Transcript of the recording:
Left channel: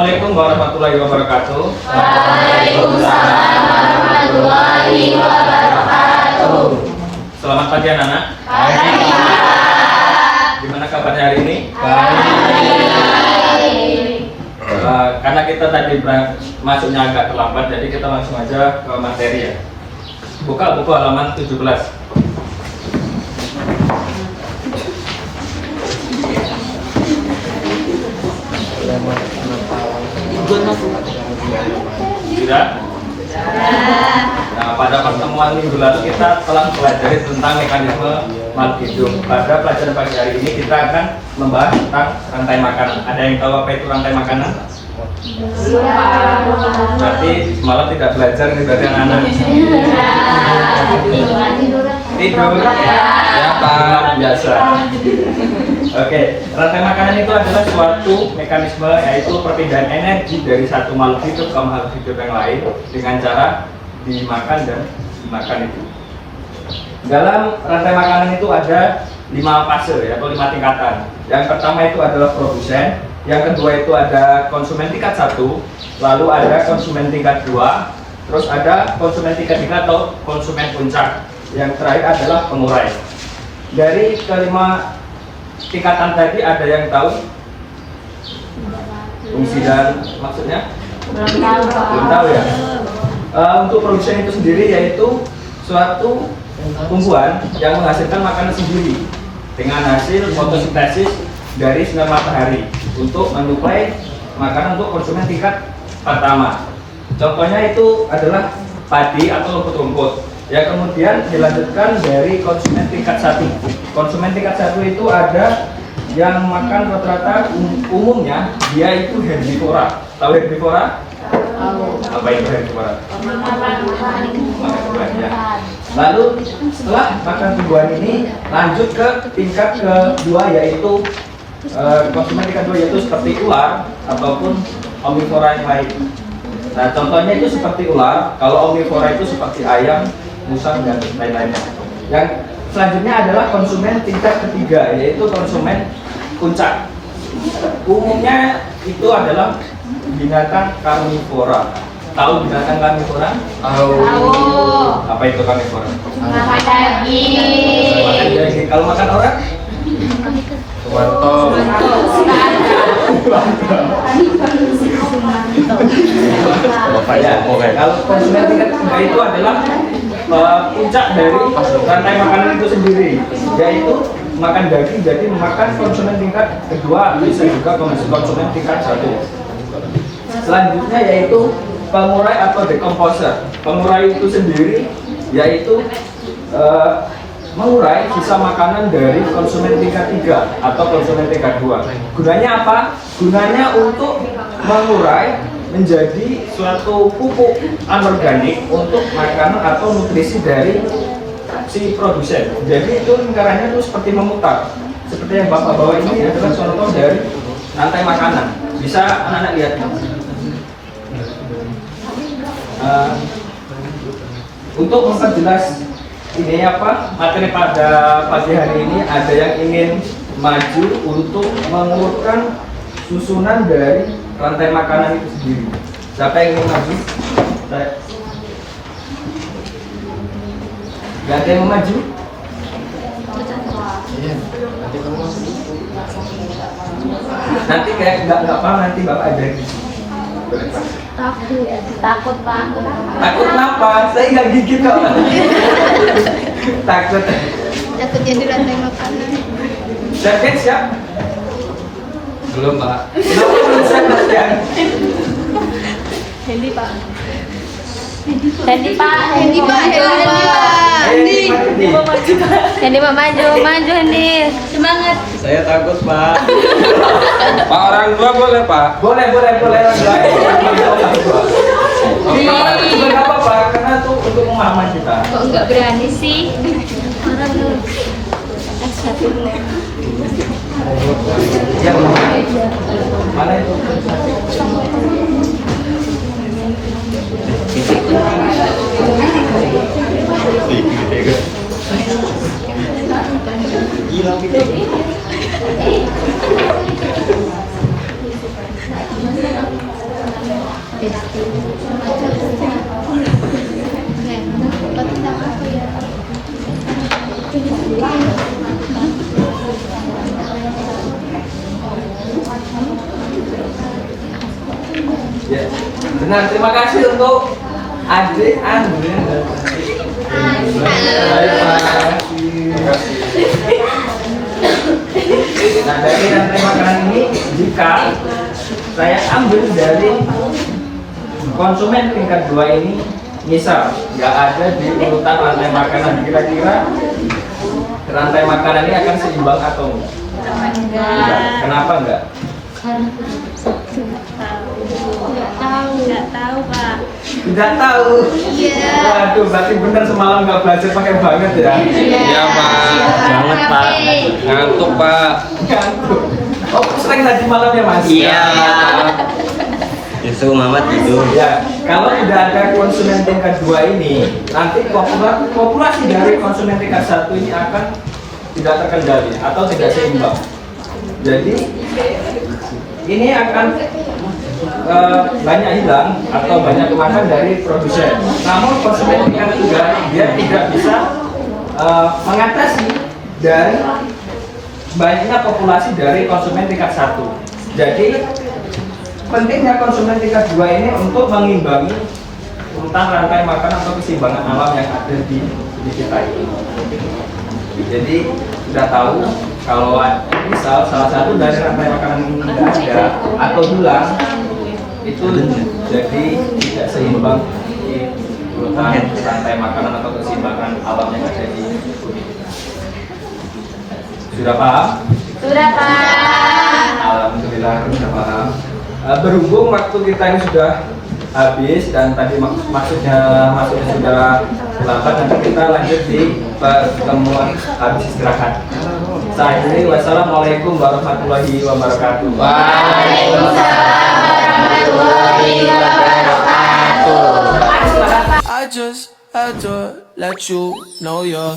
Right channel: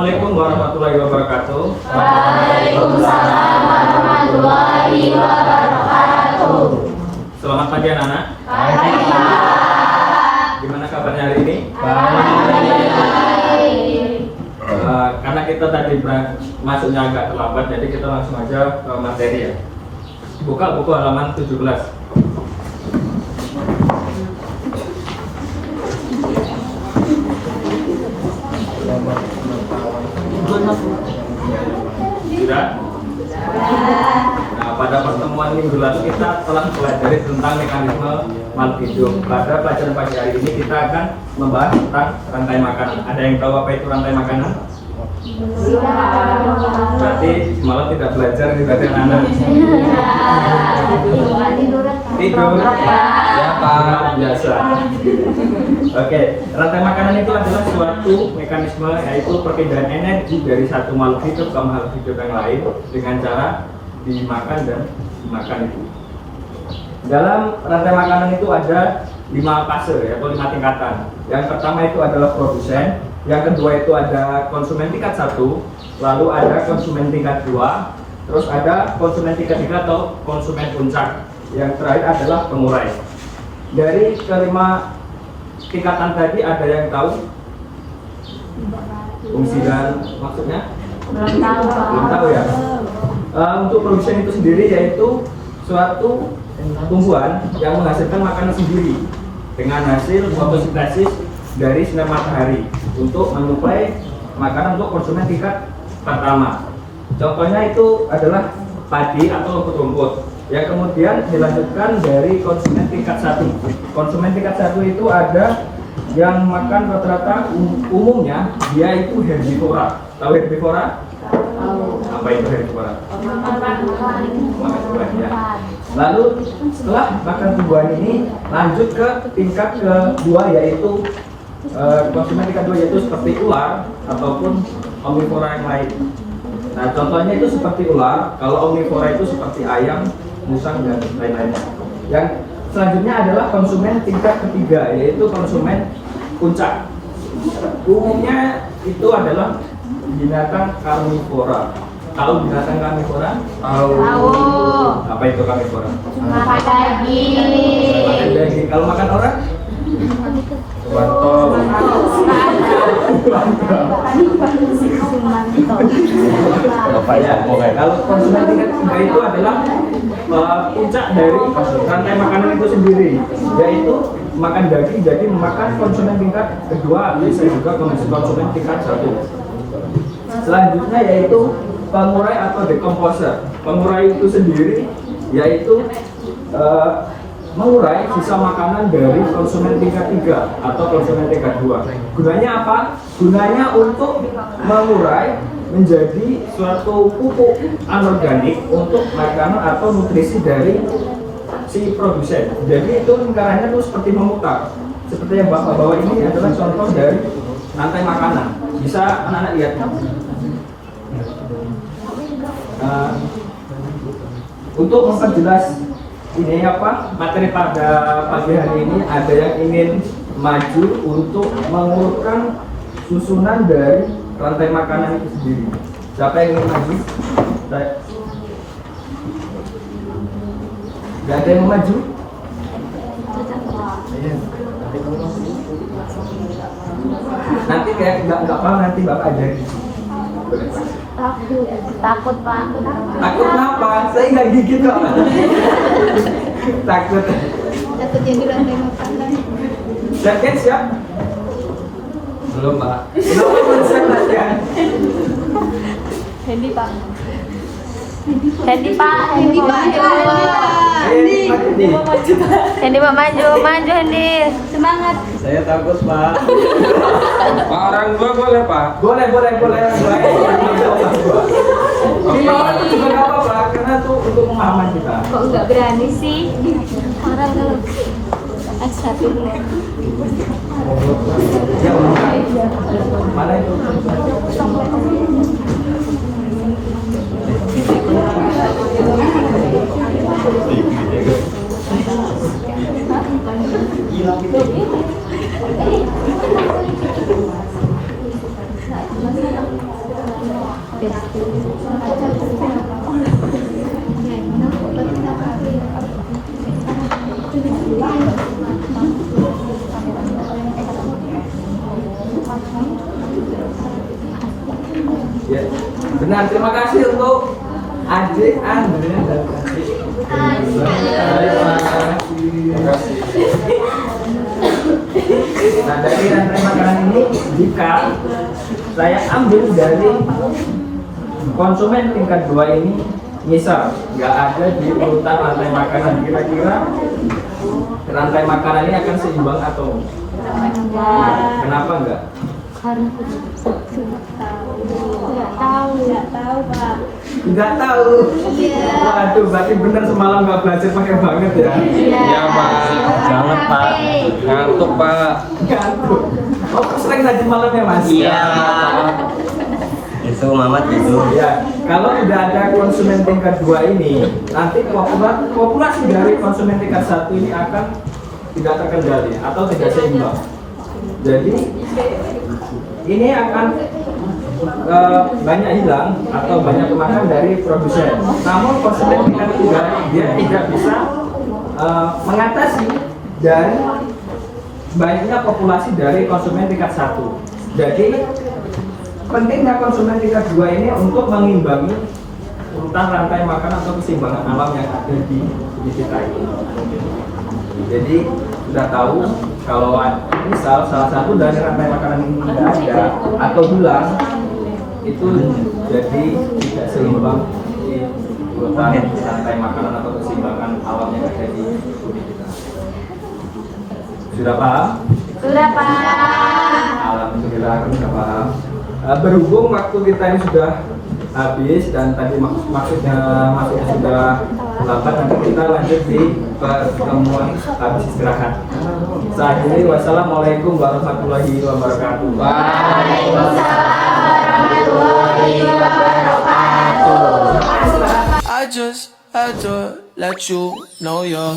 Assalamualaikum warahmatullahi wabarakatuh. Waalaikumsalam warahmatullahi wabarakatuh. Selamat pagi anak-anak. Pagi Pak. Gimana kabarnya hari ini? Karena kita tadi masuknya agak terlambat, jadi kita langsung aja ke materi ya. Buka buku halaman 17. Sudah? Nah, pada pertemuan minggu lalu kita telah pelajari tentang mekanisme makhluk hidup. Pada pelajaran pagi hari ini kita akan membahas tentang rantai makanan. Ada yang tahu apa itu rantai makanan? Berarti malah tidak belajar nih dari anak-anak. Tidur. Ya, biasa. Oke, rantai makanan itu adalah suatu mekanisme yaitu perpindahan energi dari satu makhluk hidup ke makhluk hidup yang lain dengan cara dimakan dan dimakan itu. Dalam rantai makanan itu ada 5 fase atau 5 tingkatan. Yang pertama itu adalah produsen, yang kedua itu ada konsumen tingkat 1, lalu ada konsumen tingkat 2, terus ada konsumen tingkat 3 atau konsumen puncak. Yang terakhir adalah pengurai. Dari kelima tingkatan tadi ada yang tahu fungsi dan maksudnya? Belum tahu ya. Untuk produsen itu sendiri yaitu suatu tumbuhan yang menghasilkan makanan sendiri dengan hasil fotosintesis dari sinar matahari untuk menyuplai makanan untuk konsumen tingkat pertama. Contohnya itu adalah padi atau rumput-rumput. Ya, kemudian dilanjutkan dari konsumen tingkat 1. Konsumen tingkat 1 itu ada yang makan rata-rata umumnya dia itu herbivora. Tahu herbivora? Apa itu herbivora? Ya. Lalu setelah makan tumbuhan ini lanjut ke tingkat kedua yaitu konsumen tingkat 2 yaitu seperti ular ataupun omnivora yang lain. Nah, contohnya itu seperti ular. Kalau omnivora itu seperti ayam, musang dan lain-lainnya. Yang selanjutnya adalah konsumen tingkat ketiga yaitu konsumen puncak. Umumnya itu adalah binatang karnivora. Tahu binatang karnivora? Tahu. Apa itu karnivora? Makan daging. Makan daging. Kalau makan orang? Ya, kalau konsumen tingkat ketiga itu adalah puncak dari rantai makanan itu sendiri, yaitu makan daging. Jadi memakan konsumen tingkat kedua, bisa juga konsumen tingkat 1. Selanjutnya yaitu pengurai atau decomposer. Pengurai itu sendiri yaitu mengurai sisa makanan dari konsumen tingkat 3 atau konsumen tingkat 2. Gunanya apa? Gunanya untuk mengurai menjadi suatu pupuk anorganik untuk makanan atau nutrisi dari si produsen. Jadi itu lingkarannya itu seperti memutar. Seperti yang Bapak bawa ini adalah contoh dari rantai makanan. Bisa anak-anak lihat. Untuk memperjelas ini apa materi pada pagi hari ini, ada yang ingin maju untuk mengurutkan susunan dari rantai makanan itu sendiri. Siapa yang ingin maju? Gak ada yang mau maju? Nanti kayak nggak paham nanti Bapak ajarin. Takut Pak. Takut kenapa? Saya nggak gigit kok. Takut. Takut jadi rantai makanan. Siap? Belum, Pak. Kenapa belum siap? Hendi Pak. Hendi Maju Hendi. Semangat. Saya takut, Pak. Pak, orang tua boleh, Pak? Boleh orang tua. Nggak apa-apa, karena itu untuk pemahaman kita. Kok nggak berani sih? Orang eksklusif nih. Ya, mana itu? tentang apa ya? Ya, benar. Terima kasih untuk adik Andre. Nah, dari rantai makanan ini jika saya ambil dari konsumen tingkat 2 ini, misal nggak ada di urutan rantai makanan, kira-kira rantai makanan ini akan seimbang atau enggak? Kenapa enggak? Karena aku nggak tahu Pak. Tidak tahu. Iya. Waduh, berarti bener semalam nggak belajar pakai banget ya? Iya, Pak. Jangan Pak. Ngantuk, Pak. Ngantuk. Oh, sering haji malam ya Mas? Iya. Justru Mama tidur. Ya, kalau tidak ada konsumen tingkat 2 ini, nanti populasi dari konsumen tingkat 1 ini akan tidak terkendali atau tidak seimbang. Jadi ini akan banyak hilang atau banyak kemakan dari produsen. Namun konsumen tingkat 3 dia tidak bisa mengatasi dari banyaknya populasi dari konsumen tingkat 1. Jadi pentingnya konsumen tingkat 2 ini untuk mengimbangi urutan rantai makan atau keseimbangan alam yang ada di kita ini. Jadi sudah tahu kalau misal salah satu dari rantai makanan ini tidak ada atau hilang, itu jadi tidak seimbang di urutan rantai makanan atau keseimbangan alam yang ada di bumi kita. Sudah paham? Sudah Pak. Alhamdulillah sudah paham. Berhubung waktu kita ini sudah habis dan tadi maksudnya sudah terlambat, nanti kita lanjut di pertemuan habis istirahat. Saya akhiri, wassalamualaikum warahmatullahi wabarakatuh. I just had to let you know you're